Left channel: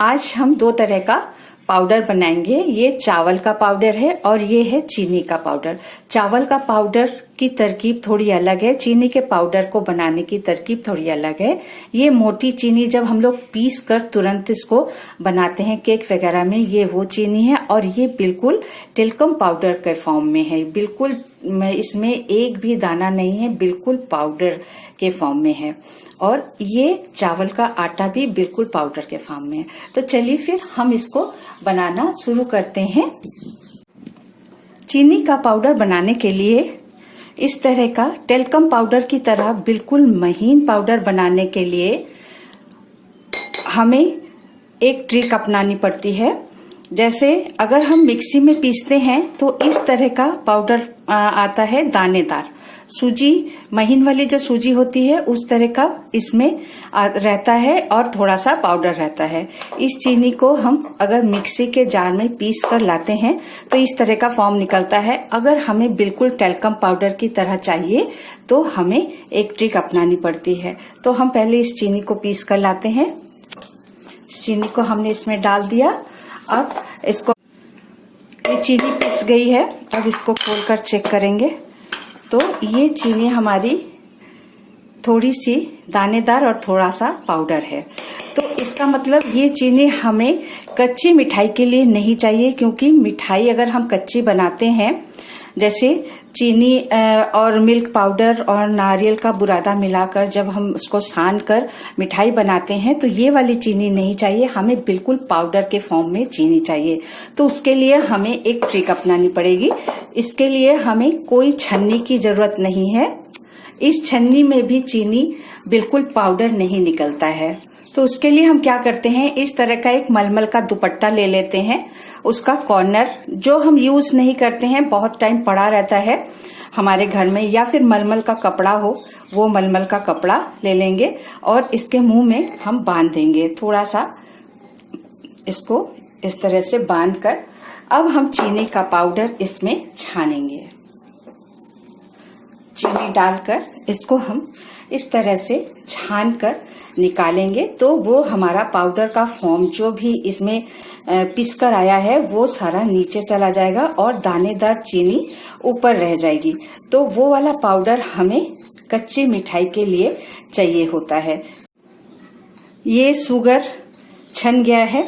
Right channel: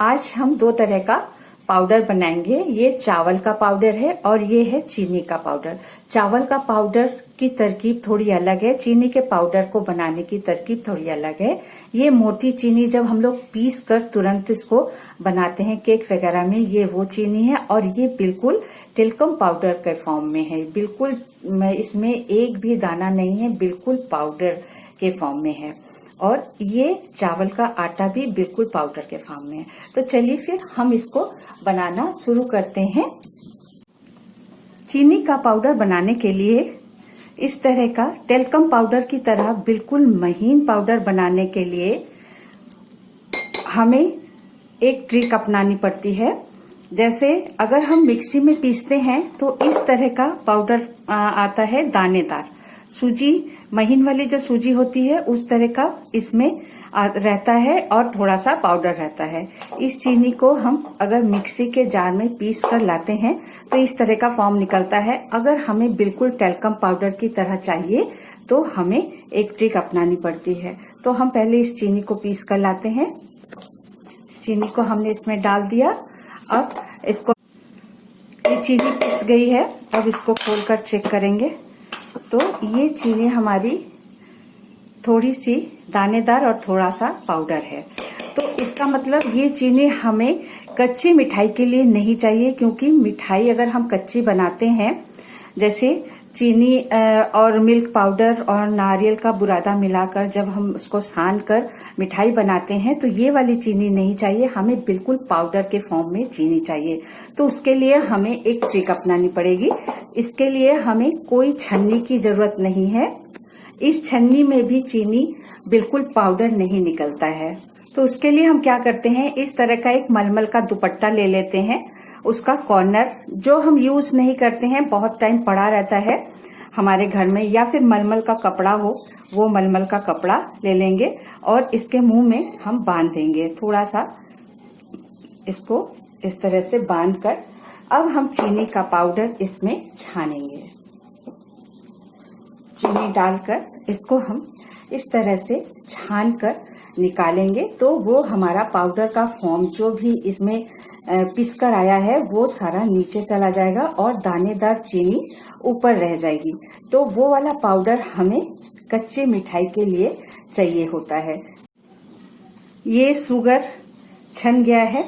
आज हम दो तरह का पाउडर बनाएंगे। ये चावल का पाउडर है और ये है चीनी का पाउडर। चावल का पाउडर की तरकीब थोड़ी अलग है, चीनी के पाउडर को बनाने की तरकीब थोड़ी अलग है। ये मोटी चीनी जब हम लोग पीस कर तुरंत इसको बनाते हैं केक वगैरह में, ये वो चीनी है। और ये बिल्कुल टेल्कम पाउडर के फॉर्म में है, बिल्कुल इसमें एक भी दाना नहीं है, बिल्कुल पाउडर के फॉर्म में है। और ये चावल का आटा भी बिल्कुल पाउडर के फॉर्म में है। तो चलिए फिर हम इसको बनाना शुरू करते हैं। चीनी का पाउडर बनाने के लिए इस तरह का टेल्कम पाउडर की तरह बिल्कुल महीन पाउडर बनाने के लिए हमें एक ट्रिक अपनानी पड़ती है। जैसे अगर हम मिक्सी में पीसते हैं तो इस तरह का पाउडर आता है दानेदार। सूजी महीन वाली जो सूजी होती है उस तरह का इसमें रहता है और थोड़ा सा पाउडर रहता है। इस चीनी को हम अगर मिक्सी के जार में पीस कर लाते हैं तो इस तरह का फॉर्म निकलता है। अगर हमें बिल्कुल टेल्कम पाउडर की तरह चाहिए तो हमें एक ट्रिक अपनानी पड़ती है। तो हम पहले इस चीनी को पीस कर लाते हैं। चीनी को हमने इसमें डाल दिया। अब इसको, ये चीनी पिस गई है। अब इसको खोलकर चेक करेंगे तो ये चीनी हमारी थोड़ी सी दानेदार और थोड़ा सा पाउडर है। तो इसका मतलब ये चीनी हमें कच्ची मिठाई के लिए नहीं चाहिए, क्योंकि मिठाई अगर हम कच्ची बनाते हैं, जैसे चीनी और मिल्क पाउडर और नारियल का बुरादा मिलाकर जब हम उसको सान कर मिठाई बनाते हैं तो ये वाली चीनी नहीं चाहिए, हमें बिल्कुल पाउडर के फॉर्म में चीनी चाहिए। तो उसके लिए हमें एक ट्रिक अपनानी पड़ेगी। इसके लिए हमें कोई छन्नी की जरूरत नहीं है। इस छन्नी में भी चीनी बिल्कुल पाउडर नहीं निकलता है। तो उसके लिए हम क्या करते हैं, इस तरह का एक मलमल का दुपट्टा ले लेते हैं। उसका कॉर्नर जो हम यूज नहीं करते हैं, बहुत टाइम पड़ा रहता है हमारे घर में, या फिर मलमल का कपड़ा हो, वो मलमल का कपड़ा ले लेंगे और इसके मुंह में हम बांध देंगे। थोड़ा सा इसको इस तरह से बांध कर अब हम चीनी का पाउडर इसमें छानेंगे। चीनी डालकर इसको हम इस तरह से छान कर निकालेंगे तो वो हमारा पाउडर का फॉर्म जो भी इसमें पिस कर आया है वो सारा नीचे चला जाएगा और दानेदार चीनी ऊपर रह जाएगी। तो वो वाला पाउडर हमें कच्ची मिठाई के लिए चाहिए होता है। ये शुगर छन गया है,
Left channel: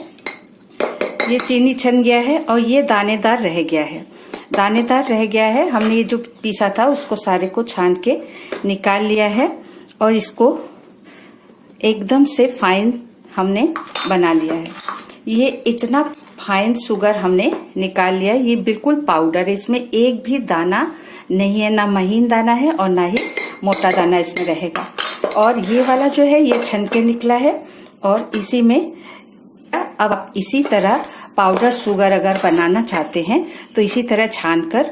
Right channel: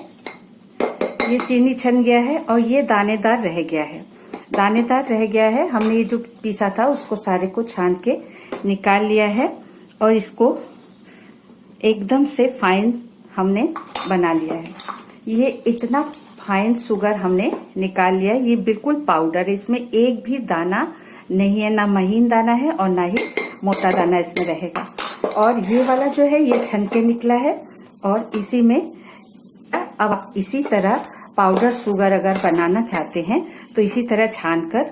ये चीनी छन गया है और ये दानेदार रह गया है। दानेदार रह गया है, हमने ये जो पीसा था उसको सारे को छान के निकाल लिया है और इसको एकदम से फाइन हमने बना लिया है। ये इतना फाइन शुगर हमने निकाल लिया है, ये बिल्कुल पाउडर है, इसमें एक भी दाना नहीं है, ना महीन दाना है और ना ही मोटा दाना इसमें रहेगा। और ये वाला जो है ये छन के निकला है और इसी में अब आप इसी तरह पाउडर शुगर अगर बनाना चाहते हैं तो इसी तरह छान कर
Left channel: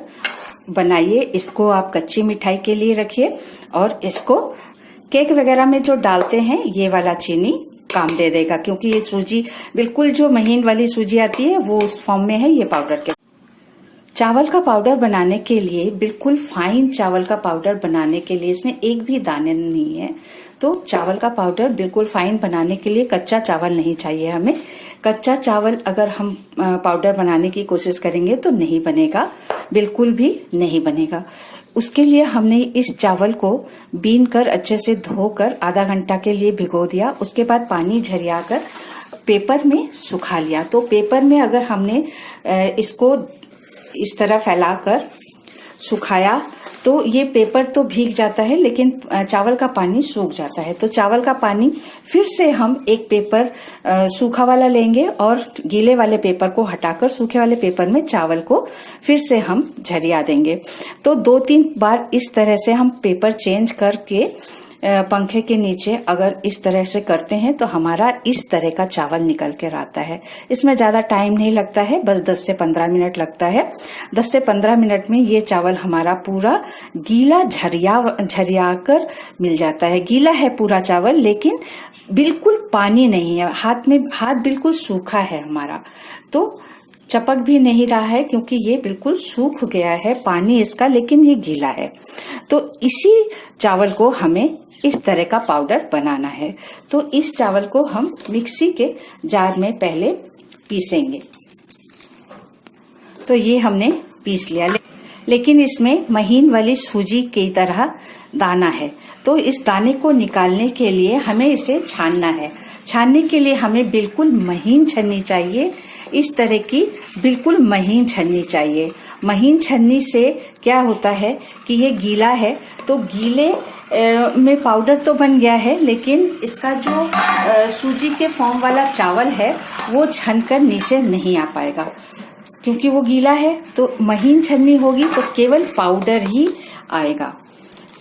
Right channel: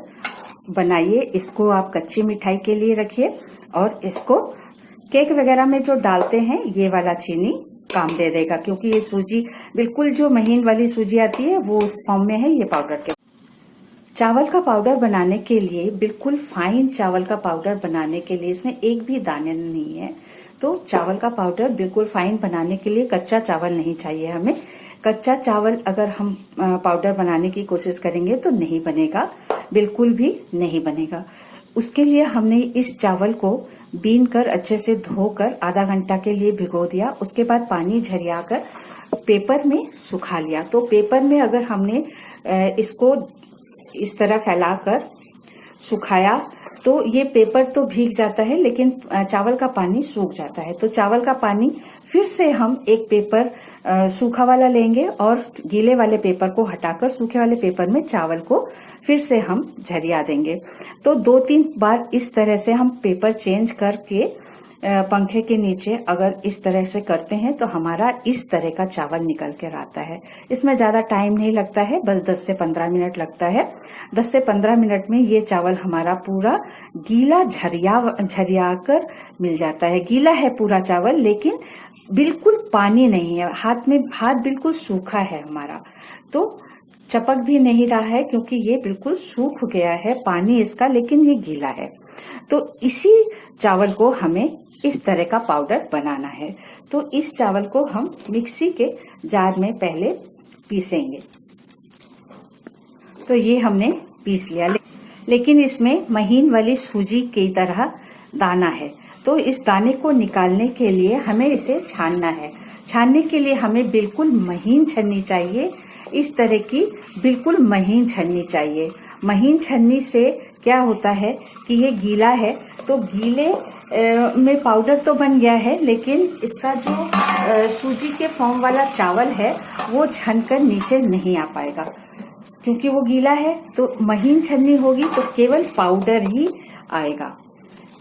बनाइए। इसको आप कच्ची मिठाई के लिए रखिए और इसको केक वगैरह में जो डालते हैं ये वाला चीनी काम दे देगा, क्योंकि ये सूजी बिल्कुल जो महीन वाली सूजी आती है वो उस फॉर्म में है। ये पाउडर के चावल का पाउडर बनाने के लिए, बिल्कुल फाइन चावल का पाउडर बनाने के लिए इसमें एक भी दाने नहीं है। तो चावल का पाउडर बिल्कुल फाइन बनाने के लिए कच्चा चावल नहीं चाहिए हमें। कच्चा चावल अगर हम पाउडर बनाने की कोशिश करेंगे तो नहीं बनेगा, बिल्कुल भी नहीं बनेगा। उसके लिए हमने इस चावल को बीन कर अच्छे से धोकर आधा घंटा के लिए भिगो दिया। उसके बाद पानी झरियाकर पेपर में सुखा लिया। तो पेपर में अगर हमने इसको इस तरह फैलाकर सुखाया तो ये पेपर तो भीग जाता है लेकिन चावल का पानी सूख जाता है। तो चावल का पानी फिर से हम एक पेपर सूखा वाला लेंगे और गीले वाले पेपर को हटाकर सूखे वाले पेपर में चावल को फिर से हम झरिया देंगे। तो 2-3 बार इस तरह से हम पेपर चेंज करके पंखे के नीचे अगर इस तरह से करते हैं तो हमारा इस तरह का चावल निकल कर आता है। इसमें ज्यादा टाइम नहीं लगता है, बस 10 से 15 मिनट लगता है। 10 से 15 मिनट में ये चावल हमारा पूरा गीला झरिया कर मिल जाता है। गीला है पूरा चावल लेकिन बिल्कुल पानी नहीं है, हाथ बिल्कुल सूखा है हमारा। तो चपक भी नहीं रहा है क्योंकि ये बिल्कुल सूख गया है पानी इसका, लेकिन ये गीला है। तो इसी चावल को हमें इस तरह का पाउडर बनाना है। तो इस चावल को हम मिक्सी के जार में पहले पीसेंगे। तो ये हमने पीस लिया, लेकिन इसमें महीन वाली सूजी की तरह दाना है। तो इस दाने को निकालने के लिए हमें इसे छानना है। छानने के लिए हमें बिल्कुल महीन छन्नी चाहिए, इस तरह की बिल्कुल महीन छन्नी चाहिए। महीन छन्नी से क्या होता है कि ये गीला है, तो गीले में पाउडर तो बन गया है, लेकिन इसका जो सूजी के फॉर्म वाला चावल है वो छनकर नीचे नहीं आ पाएगा, क्योंकि वो गीला है। तो महीन छन्नी होगी तो केवल पाउडर ही आएगा।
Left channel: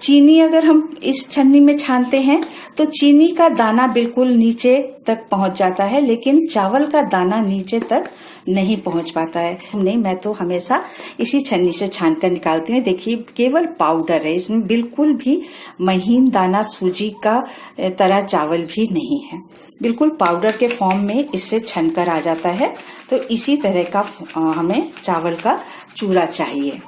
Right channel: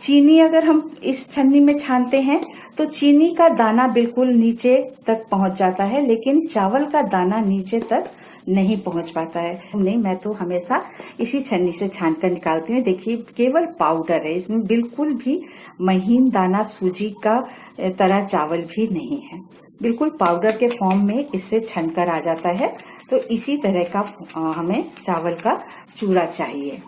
चीनी अगर हम इस छन्नी में छानते हैं तो चीनी का दाना बिल्कुल नीचे तक पहुंच जाता है, लेकिन चावल का दाना नीचे तक नहीं पहुंच पाता है। नहीं, मैं तो हमेशा इसी छन्नी से छान कर निकालती हूँ। देखिए, केवल पाउडर है, इसमें बिल्कुल भी महीन दाना सूजी का तरह चावल भी नहीं है। बिल्कुल पाउडर के फॉर्म में इससे छनकर आ जाता है। तो इसी तरह का हमें चावल का चूरा चाहिए।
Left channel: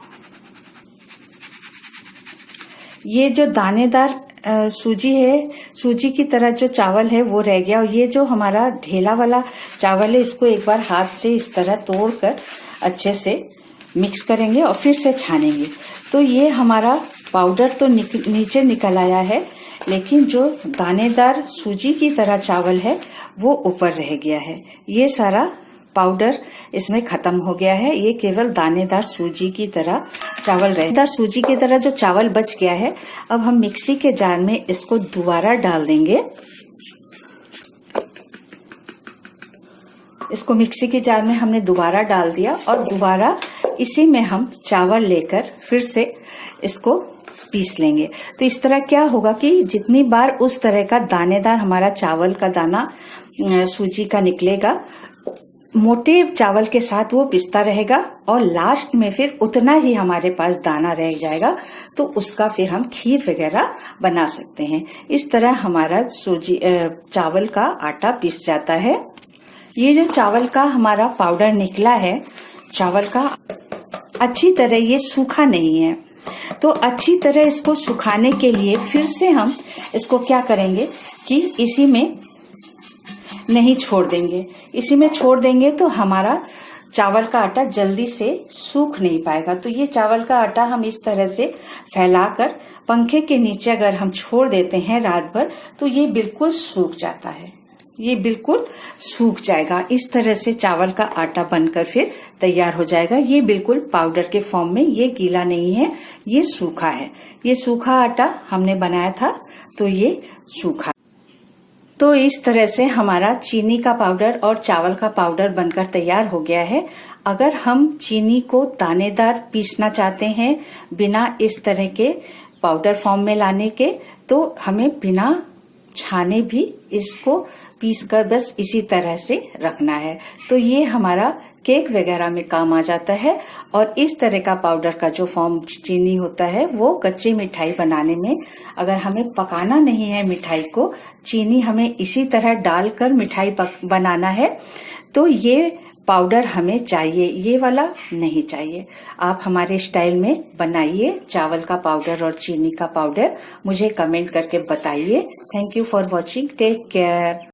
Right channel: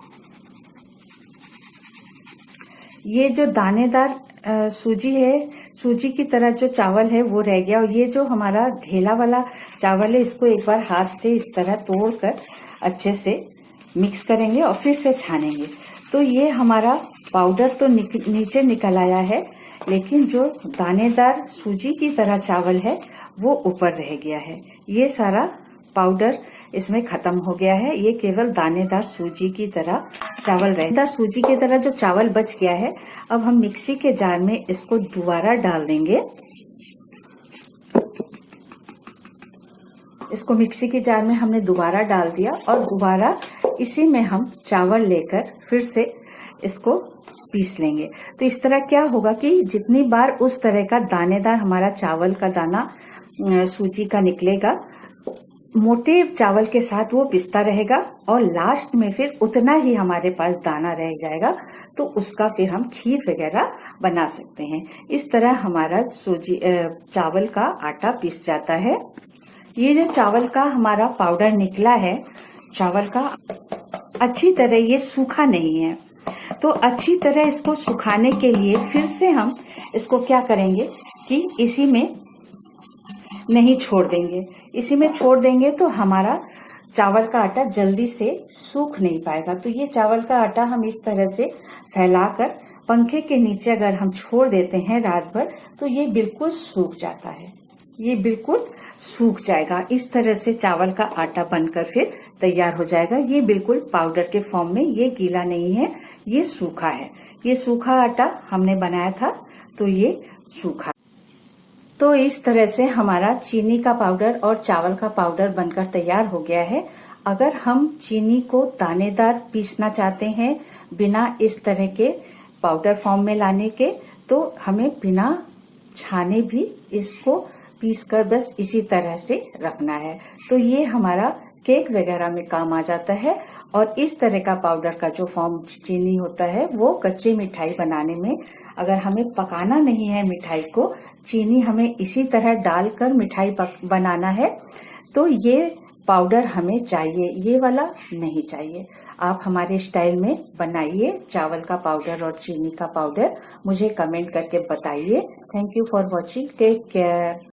ये जो दानेदार सूजी है, सूजी की तरह जो चावल है वो रह गया, और ये जो हमारा ढेला वाला चावल है, इसको एक बार हाथ से इस तरह तोड़कर अच्छे से मिक्स करेंगे और फिर से छानेंगे। तो ये हमारा पाउडर तो नीचे निकल आया है, लेकिन जो दानेदार सूजी की तरह चावल है वो ऊपर रह गया है। ये सारा पाउडर इसमें खत्म हो गया है, ये केवल दानेदार सूजी की तरह चावल रहे। दानेदार सूजी की तरह जो चावल बच गया है, अब हम मिक्सी के जार में इसको दोबारा डाल देंगे। इसको मिक्सी के जार में हमने दोबारा डाल दिया, और दोबारा इसी में हम चावल लेकर फिर से इसको पीस लेंगे। तो इस तरह क्या होगा कि जितनी बार उस तरह का दानेदार हमारा चावल का दाना सूजी का निकलेगा, मोटे चावल के साथ वो पिसता रहेगा, और लास्ट में फिर उतना ही हमारे पास दाना रह जाएगा, तो उसका फिर हम खीर वगैरह बना सकते हैं। इस तरह हमारा चावल का आटा पिस जाता है। ये जो चावल का हमारा पाउडर निकला है, चावल का अच्छी तरह ये सूखा नहीं है, तो अच्छी तरह इसको सुखाने के लिए फिर से हम इसको क्या करेंगे कि इसी में नहीं छोड़ देंगे। इसी में छोड़ देंगे तो हमारा चावल का आटा जल्दी से सूख नहीं पाएगा। तो ये चावल का आटा हम इस तरह से फैलाकर पंखे के नीचे अगर हम छोड़ देते हैं रात भर, तो ये बिल्कुल सूख जाता है, ये बिल्कुल सूख जाएगा। इस तरह से चावल का आटा बनकर फिर तैयार हो जाएगा। ये बिल्कुल पाउडर के फॉर्म में, ये गीला नहीं है, ये सूखा है। ये सूखा आटा हमने बनाया था, तो ये सूखा। तो इस तरह से हमारा चीनी का पाउडर और चावल का पाउडर बनकर तैयार हो गया है। अगर हम चीनी को दानेदार पीसना चाहते हैं बिना इस तरह के पाउडर फॉर्म में लाने के, तो हमें बिना छाने भी इसको पीसकर बस इसी तरह से रखना है। तो ये हमारा केक वगैरह में काम आ जाता है। और इस तरह का पाउडर का जो फॉर्म चीनी होता है, वो कच्ची मिठाई बनाने में, अगर हमें पकाना नहीं है मिठाई को, चीनी हमें इसी तरह डालकर मिठाई बनाना है, तो ये पाउडर हमें चाहिए, ये वाला नहीं चाहिए। आप हमारे स्टाइल में बनाइए चावल का पाउडर और चीनी का पाउडर, मुझे कमेंट करके बताइए। Thank you for watching, take care.